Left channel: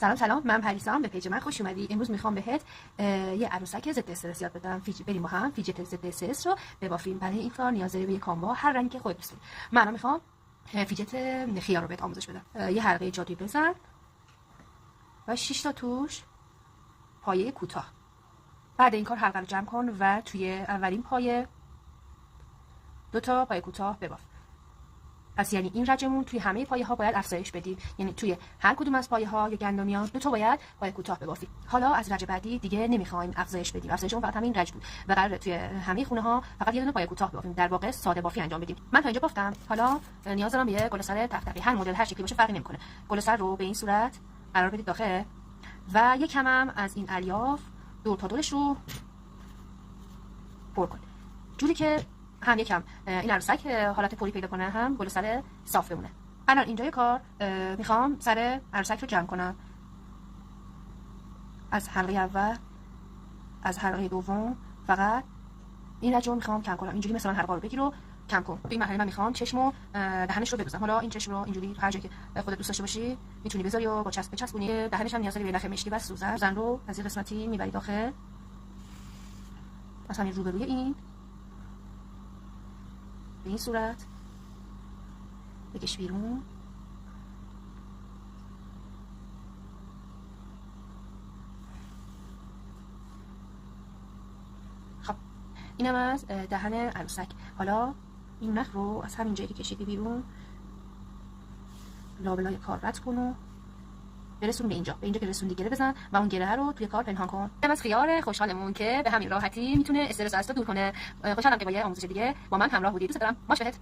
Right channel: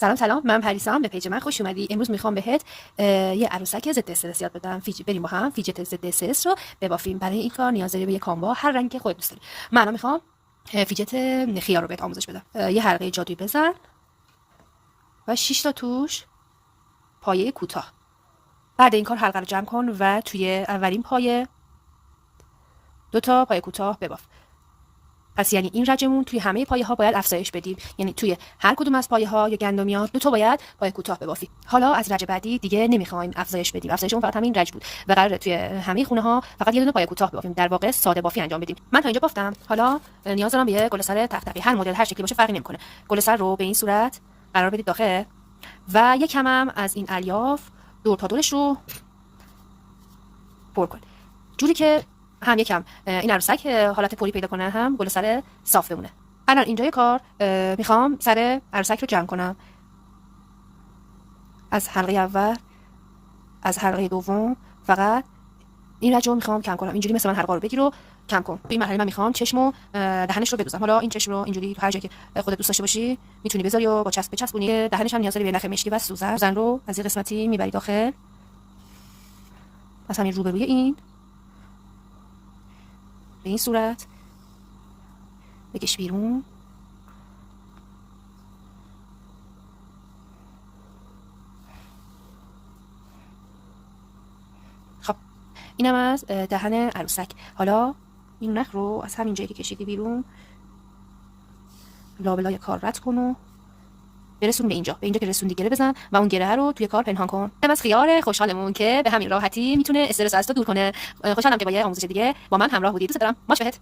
سلام، من پریسام. به پیج من خوش اومدی. امروز میخوام بهت یه عروسک ضد استرس یاد بدم. بریم با هم فیجت ضد استرس رو ببافیم. برای این کار نیاز داری به یه کاموا هر رنگی که خودت دوست داری. من میخوام فیجت خیار رو بهت آموزش بدم. یه حلقه جادویی بزن و 6 تا توش پایه کوتاه. بعد این کار حلقه رو جمع کن و توی اولین پایه 2 تا پایه کوتاه بباف. پس یعنی این رجمون توی همه پایه ها باید افزایش بدیم، یعنی توی هر کدوم از پایه ها یا گندمیات 2 تا باید پایه کوتاه ببافیم. حالا از رج بعدی دیگه نمیخوایم افزایش بدیم، افزایش اون فقط همین رج بود و قراره توی همه خونه ها فقط یه دونه پایه کوتاه ببافیم. در واقع ساده بافی انجام بدیم. من تا اینجا بافتم. حالا نیاز دارم به یه گل سر تق، هر مدل هر شکلی باشه فرقی نمیکنه. گل سر رو به این صورت قرار بدید داخل و یک کم هم از این الیاف دور تا دورش رو پر کن، جوری که هم یکم این عروسک حالت پوری پیدا کنه، هم گل سر صاف بمونه. الان اینجای کار میخوام سر عروسک رو جمع کنم. از حلقه اول، از حلقه دوم فقط این رج رو میخوام کم کنم. اینجوری مثل من حلقه رو بگیر و کم کن. تو این مرحله من میخوام چشم و دهنش رو بدوزم. حالا این چشم رو اینجوری هر جایی که خودت دوست داشته باشی میتونی بذاری و با چسب بچسبونی. دهنش هم نیاز داری به نخ مشکی و سوزن رو از این قسمتی میبری داخل. پس همین روبروی این به این صورت بکش بیرون. خب اینم از دهن عروسک. حالا این نخ رو از همین جایی که کشیدی بیرون لابلای کار رد کن و برسون به اینجا که رسوندی گره بزن و اون گره رو توی کار پنهان کن. از خیار خوشحالمون که به همین راحتی میتونه استرس از تو دور کنه. خوشحالم که با یه آموزش دیگه با من همراه بودی. دوست دارم. ماچ بهت.